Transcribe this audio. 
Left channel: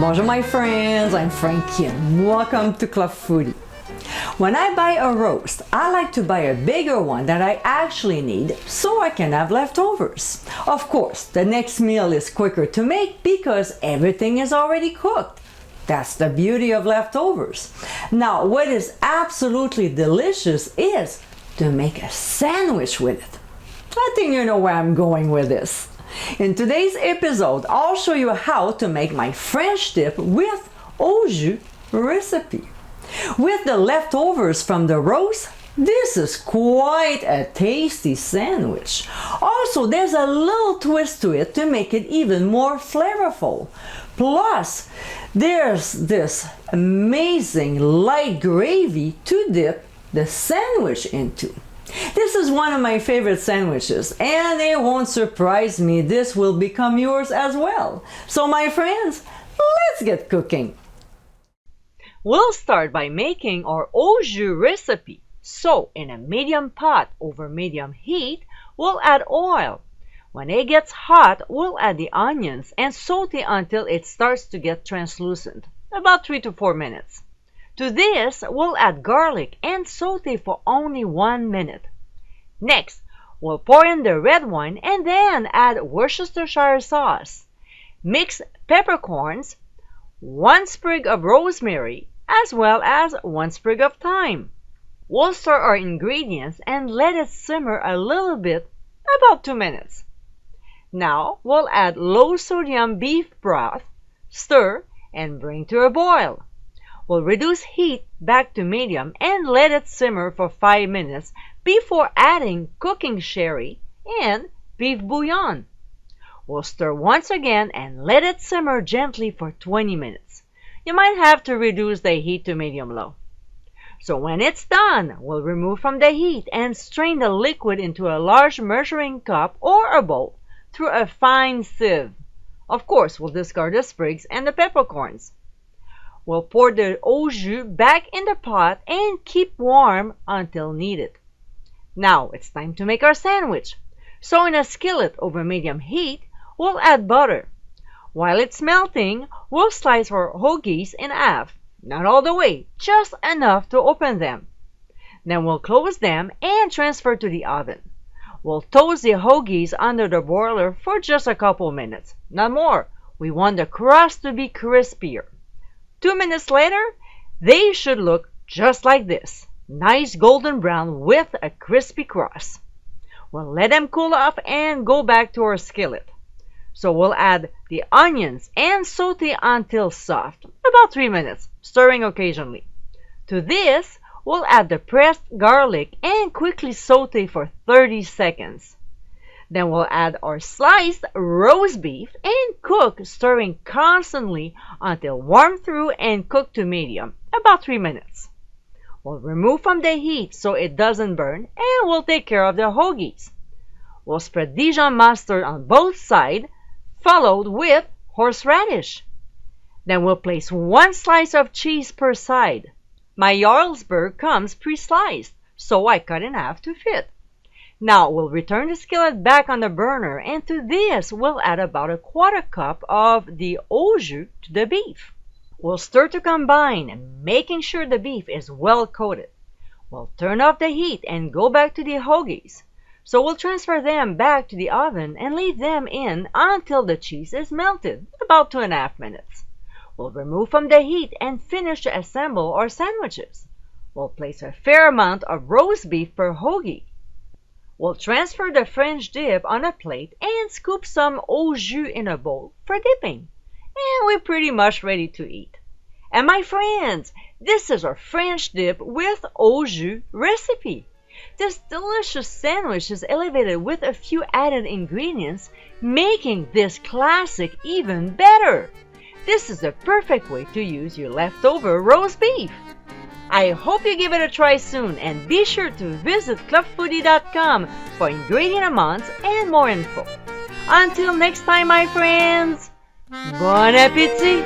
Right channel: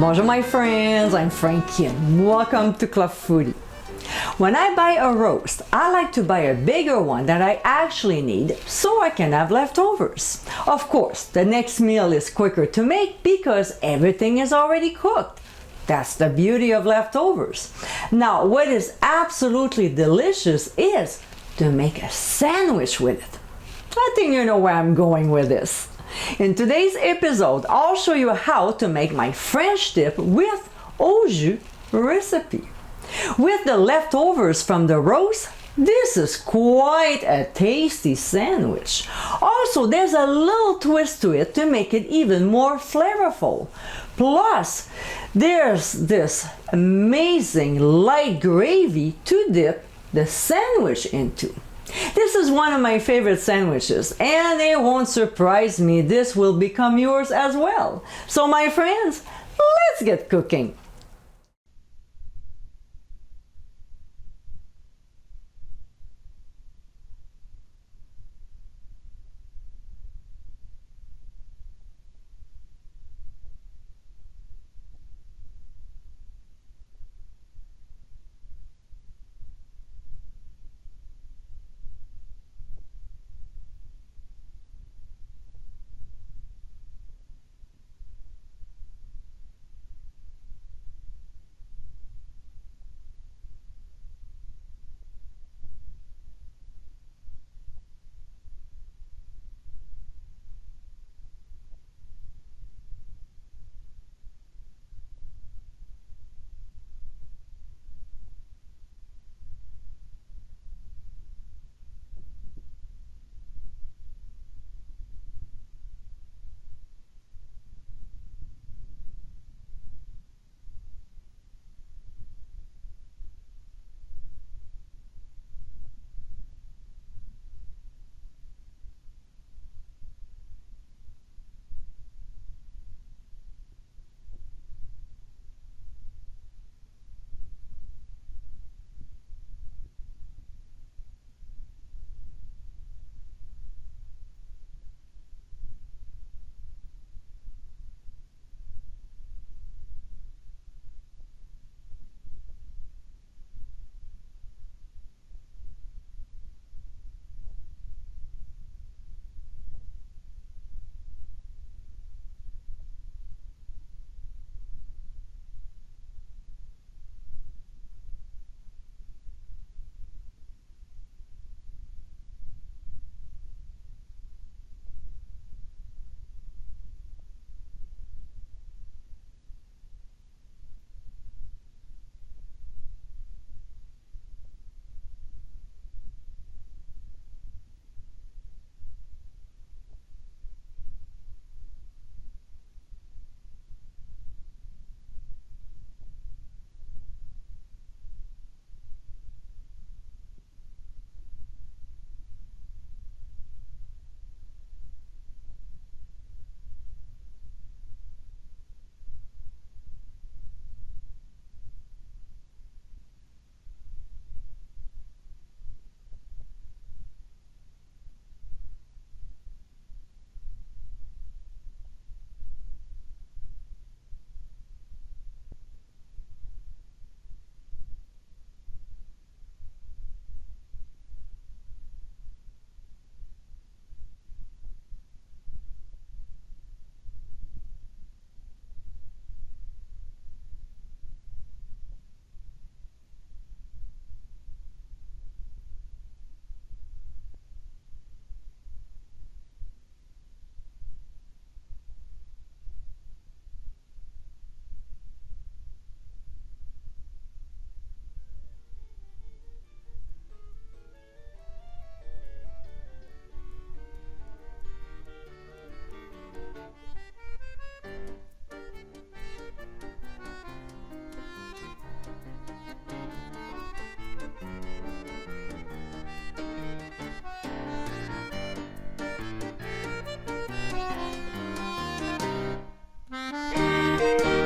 Bonjour my friends, I'm Frankie and welcome to Club Foodie. When I buy a roast, I like to buy a bigger one that I actually need so I can have leftovers. Of course, the next meal is quicker to make because everything is already cooked. That's the beauty of leftovers. Now, what is absolutely delicious is to make a sandwich with it. I think you know where I'm going with this. In today's episode, I'll show you how to make my French dip with Au Jus recipe. With the leftovers from the roast, this is quite a tasty sandwich. Also, there's a little twist to it to make it even more flavorful. Plus, there's this amazing light gravy to dip the sandwich into. This is one of my favorite sandwiches, and it won't surprise me, this will become yours as well. So my friends, let's get cooking. We'll start by making our Au Jus recipe. So in a medium pot over medium heat, we'll add oil. When it gets hot, we'll add the onions and saute until it starts to get translucent, about 3 to 4 minutes. To this, we'll add garlic and saute for only 1 minute. Next, we'll pour in the red wine and then add Worcestershire sauce. Mix peppercorns, 1 sprig of rosemary, as well as 1 sprig of thyme. We'll stir our ingredients and let it simmer a little bit, about 2 minutes. Now, we'll add low sodium beef broth, stir, and bring to a boil. We'll reduce heat back to medium and let it simmer for 5 minutes before adding cooking sherry and beef bouillon. We'll stir once again and let it simmer gently for 20 minutes. You might have to reduce the heat to medium-low. So when it's done, we'll remove from the heat and strain the liquid into a large measuring cup or a bowl through a fine sieve. Of course, we'll discard the sprigs and the peppercorns. We'll pour the Au Jus back in the pot and keep warm until needed. Now it's time to make our sandwich. So in a skillet over medium heat, we'll add butter. While it's melting, we'll slice our hoagies in half. Not all the way, just enough to open them. Then we'll close them and transfer to the oven. We'll toast the hoagies under the broiler for just a couple minutes. Not more. We want the crust to be crispier. 2 minutes later, they should look just like this. Nice golden brown with a crispy crust. We'll let them cool off and go back to our skillet. So we'll add the onions and saute until soft, about 3 minutes, stirring occasionally. To this, we'll add the pressed garlic and quickly saute for 30 seconds. Then we'll add our sliced roast beef and cook, stirring constantly until warm through and cooked to medium, about 3 minutes. We'll remove from the heat so it doesn't burn, and we'll take care of the hoagies. We'll spread Dijon mustard on both sides, followed with horseradish. Then we'll place 1 slice of cheese per side. My Jarlsberg comes pre-sliced, so I cut in half to fit. Now we'll return the skillet back on the burner, and to this we'll add about a 1/4 cup of the Au Jus to the beef. We'll stir to combine, making sure the beef is well coated. We'll turn off the heat and go back to the hoagies. So we'll transfer them back to the oven and leave them in until the cheese is melted, about 2.5 minutes. We'll remove from the heat and finish to assemble our sandwiches. We'll place a fair amount of roast beef per hoagie. We'll transfer the French dip on a plate and scoop some Au Jus in a bowl for dipping. And we're pretty much ready to eat. And my friends, this is our French dip with Au Jus recipe. This delicious sandwich is elevated with a few added ingredients, making this classic even better. This is the perfect way to use your leftover roast beef. I hope you give it a try soon, and be sure to visit clubfoodie.com for ingredient amounts and more info. Until next time, my friends, bon appétit!